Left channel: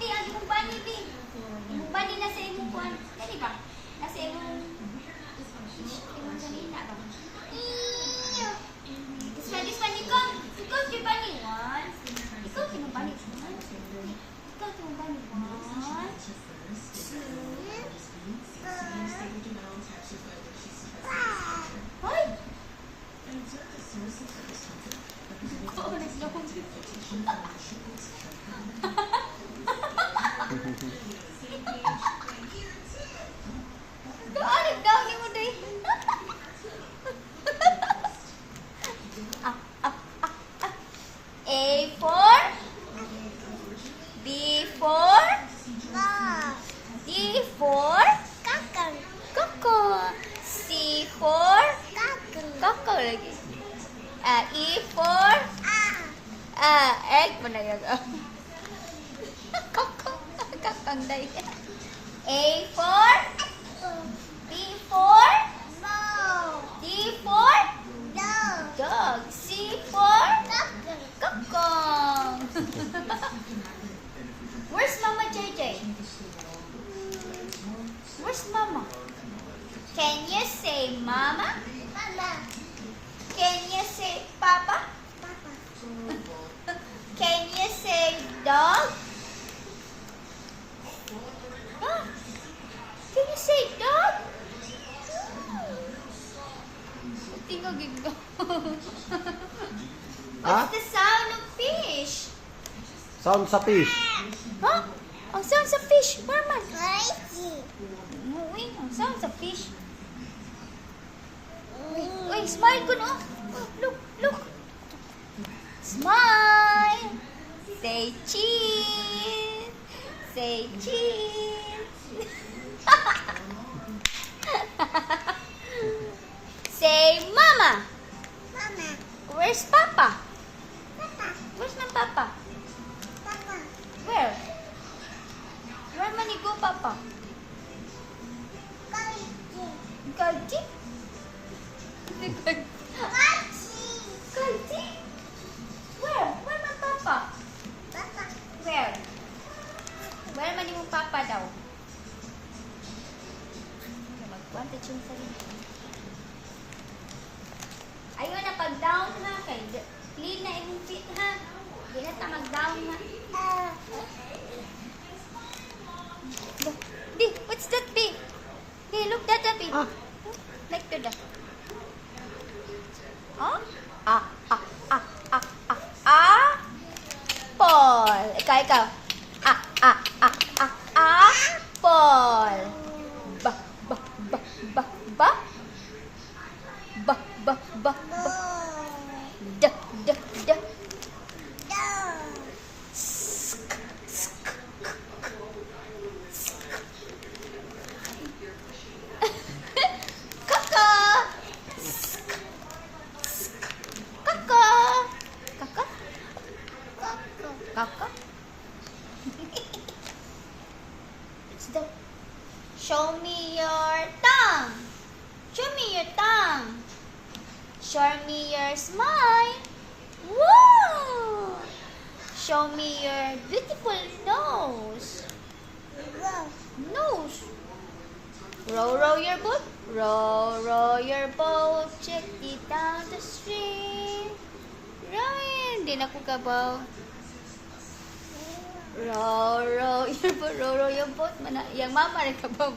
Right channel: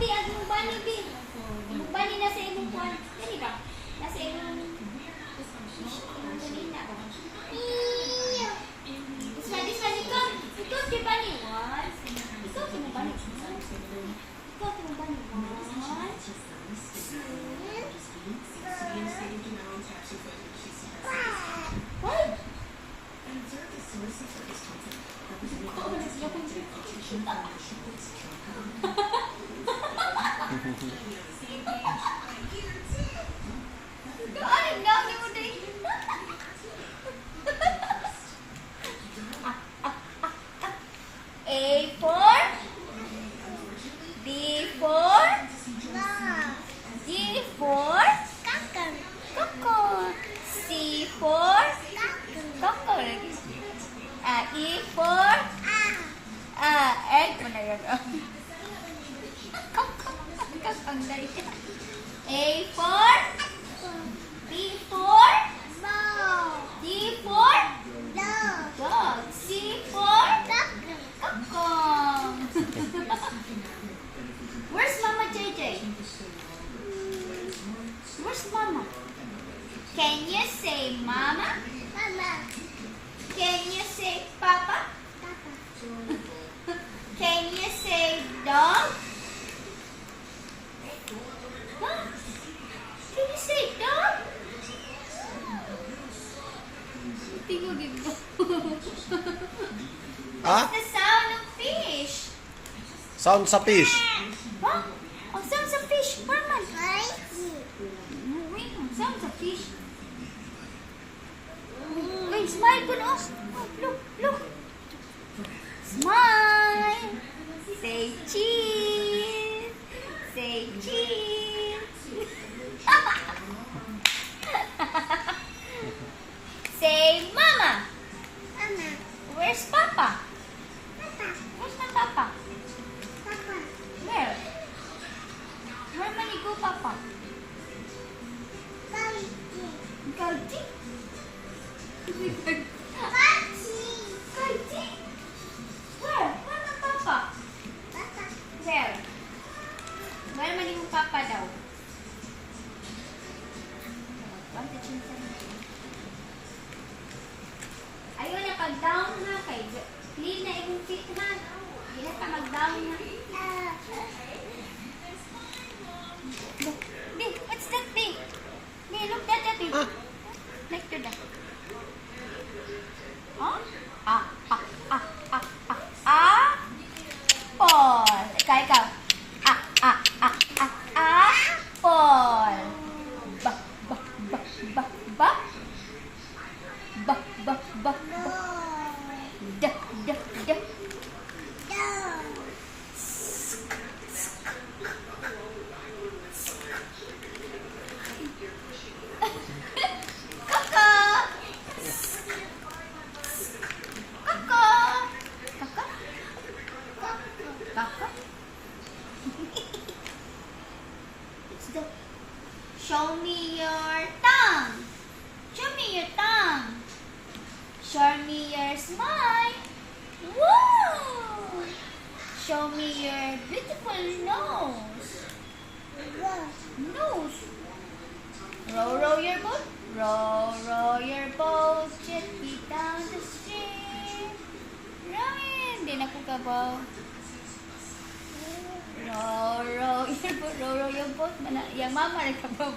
Bi, ang imong bani, Bi. Imong bani nasa imong kuan. Dali ba? Nasa imong... This one, ikaw. Ikaw, si bani. One. Ikaw, si imong bani. Ikaw, si imong bani. One. Two. Hoy! Doon, dami mo din. A for B for D for Coco. C for Coco lagi. E for egg mo na yun. Coco. Kakang day. A for B for D for dog. C for Coco. Where's Mama JJ? Where's Mama? Can you say Mama? Can you say Papa? Can you say dog? Huh? Can you say dog? Tingog ito. What's the sound of fish? Sound sa fish. Huh? Oh, sound sa fish. Mama. Wait, sound sa fish. Wait, smile ko no. Look, look. Smile. Say cheese. Say cheese. Say mama. Where's Papa? Where's my Papa? Where? Where man go Papa? Kaji? Kaji? Where? Where man Papa? Where? Where man yung Papa daw? Ayaw na pag-down ha. Kay clean na yung feet ha. Hindi na mag-down ha. B, what's that B? B, look that B. Like to that. Huh? Apple. Ikaw. Apple. Show me your tongue. Show me your tongue. Show me your smile. Woo! Show me your beautiful nose. Nose. Row, row your boat. Row, row your boat. Gently down the stream. Rowing. Hindi na ko kabaw. Row, row your boat. Row, row your boat. Yang mama rin kabaw.